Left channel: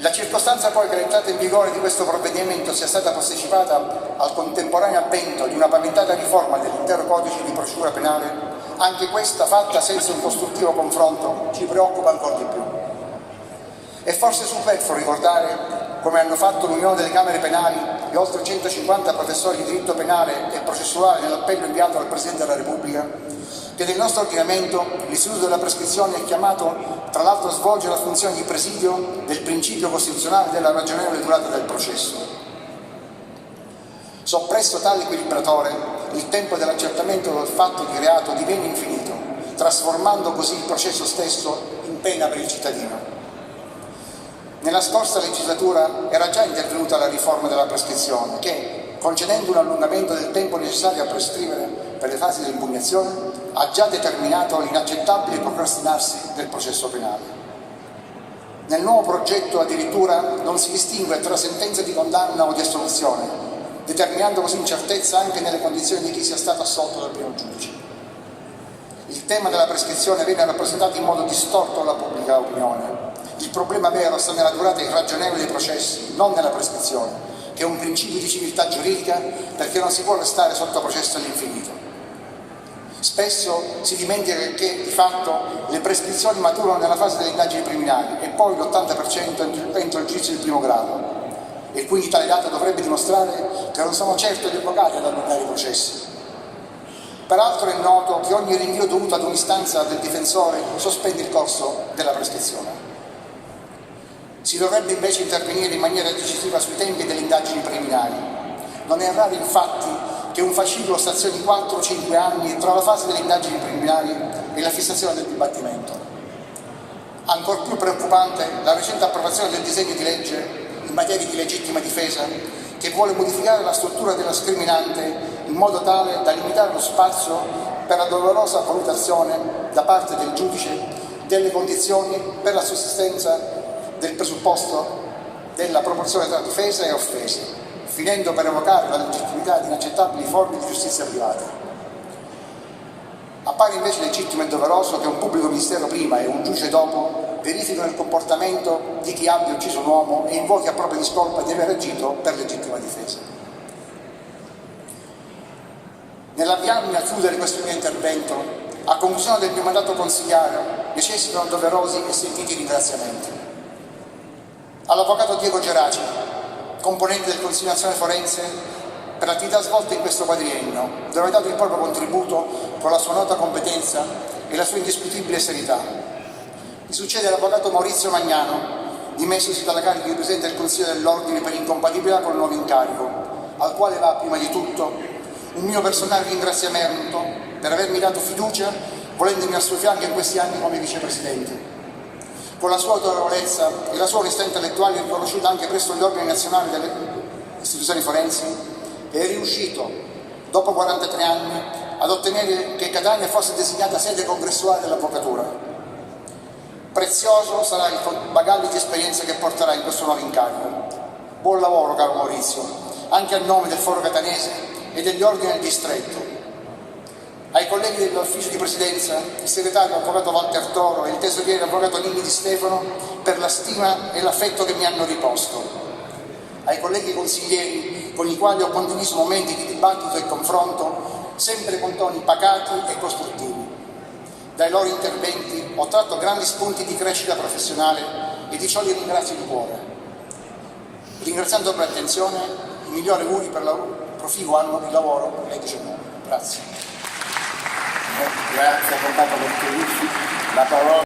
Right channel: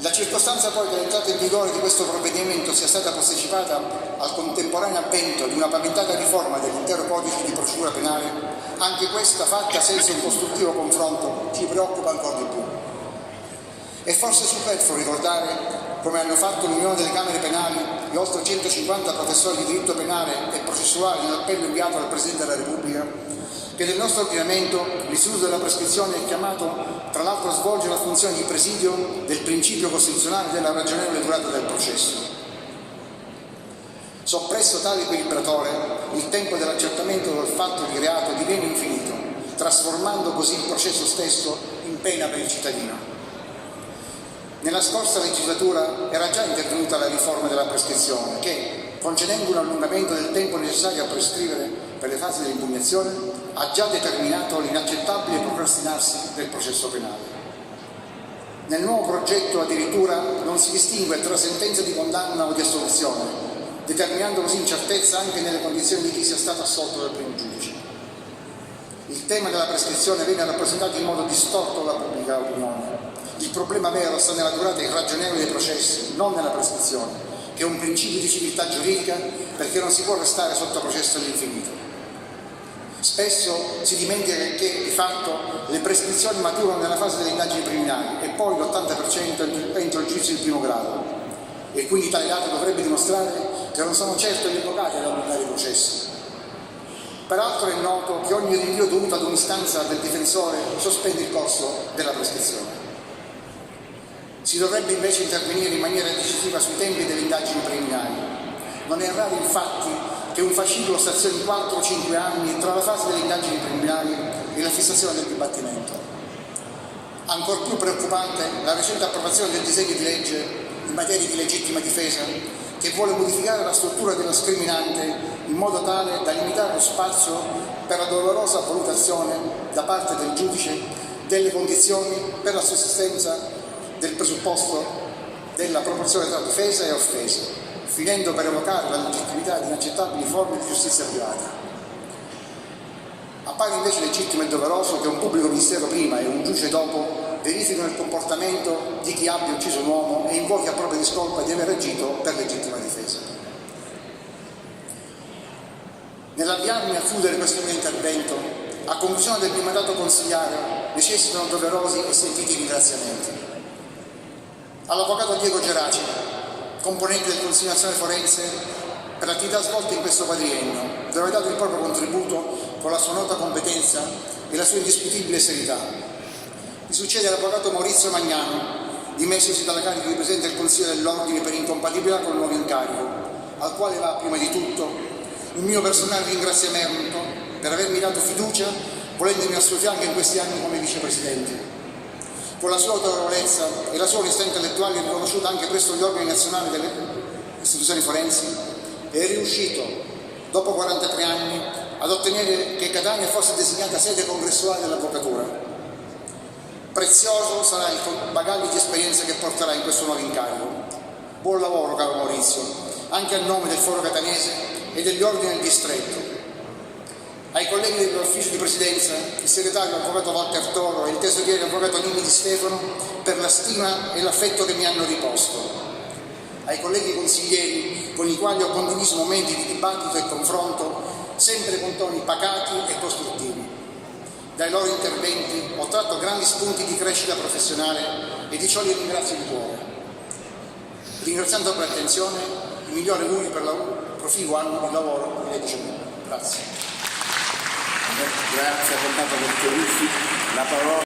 La circostanza poi che l'entrata in vigore di questo provvedimento sia stata posticipata al contemporaneo avvento di una paventata riforma dell'intero codice di procedura penale, anche questa fatta senza un costruttivo confronto, ci preoccupa ancora di più. È forse superfluo ricordare, come hanno fatto l'Unione delle Camere Penali e oltre 150 professori di diritto penale e processuale nell'appello inviato dal Presidente della Repubblica, che nel nostro ordinamento l'istituto della prescrizione è chiamato tra l'altro a svolgere la funzione di presidio del principio costituzionale della ragionevole durata del processo. Soppresso tale equilibratore, il tempo dell'accertamento del fatto di reato diviene infinito, trasformando così il processo stesso in pena per il cittadino. Nella scorsa legislatura era già intervenuta la riforma della prescrizione che, concedendo un allungamento del tempo necessario a prescrivere per le fasi dell'impugnazione, ha già determinato l'inaccettabile procrastinarsi del processo penale. Nel nuovo progetto addirittura non si distingue tra sentenza di condanna o di assoluzione, determinando così incertezza anche nelle condizioni di chi sia stato assolto dal primo giudice. Il tema della prescrizione viene rappresentato in modo distorto dalla pubblica opinione. Il problema vero sta nella durata irragionevole dei processi, non nella prescrizione, che è un principio di civiltà giuridica perché non si può restare sotto processo all'infinito. Spesso si dimentica che di fatto le prescrizioni maturano nella fase delle indagini preliminari e poi l'80% entro il giudizio di primo grado, e quindi tale dato dovrebbe dimostrare che non sono certo invocate ad allungare i processi. Peraltro è noto che ogni rinvio dovuto ad un'istanza del difensore sospende il corso della prescrizione. Si dovrebbe invece intervenire in maniera decisiva sui tempi delle indagini preliminari. Non è raro infatti che un fascicolo stazioni 4 o 5 anni tra la fase delle indagini preliminari e la fissazione del dibattimento. Ancor più preoccupante la recente approvazione del disegno di legge in materia di legittima difesa, che vuole modificare la struttura dello scriminante in modo tale da limitare lo spazio per la dolorosa valutazione da parte del giudice delle condizioni per la sussistenza del presupposto della proporzione tra difesa e offesa, finendo per evocare la legittimità di inaccettabili forme di giustizia privata. Appare invece legittimo e doveroso che un pubblico ministero prima e un giudice dopo verifichino il comportamento di chi abbia ucciso un uomo e invochi a propria discolpa di aver agito per legittima difesa. Nell'avviarmi al chiudere questo mio intervento, a conclusione del mio mandato consigliare, necessitano doverosi e sentiti ringraziamenti. All'avvocato Diego Geraci, componente del Consiglio Nazionale Forense, per l'attività svolta in questo quadriennio, dove ha dato il proprio contributo con la sua nota competenza e la sua indiscutibile serietà. Mi succede l'avvocato Maurizio Magnano, dimessosi dalla carica di Presidente del Consiglio dell'Ordine per incompatibilità con il nuovo incarico, al quale va prima di tutto il mio personale ringraziamento per avermi dato fiducia, volendomi al suo fianco in questi anni come vicepresidente. Con la sua autorevolezza e la sua onestà intellettuale riconosciuta anche presso gli organi nazionali delle istituzioni forensi, è riuscito, dopo 43 anni, ad ottenere che Catania fosse designata sede congressuale dell'avvocatura. Prezioso sarà il bagaglio di esperienze che porterà in questo nuovo incarico. Buon lavoro, caro Maurizio, anche a nome del Foro Catanese e degli ordini del distretto. Ai colleghi dell'ufficio di presidenza, il segretario avvocato Walter Toro e il tesoriere avvocato Nini Di Stefano per la stima e l'affetto che mi hanno riposto. Ai colleghi consiglieri con i quali ho condiviso momenti di dibattito e confronto, sempre con toni pacati e costruttivi. Dai loro interventi ho tratto grandi spunti di crescita professionale e di ciò li ringrazio di cuore. Ringraziando per l'attenzione, i migliori auguri per il proficuo anno di lavoro in Legge. Grazie. Grazie, avvocato Bertolucci. La parola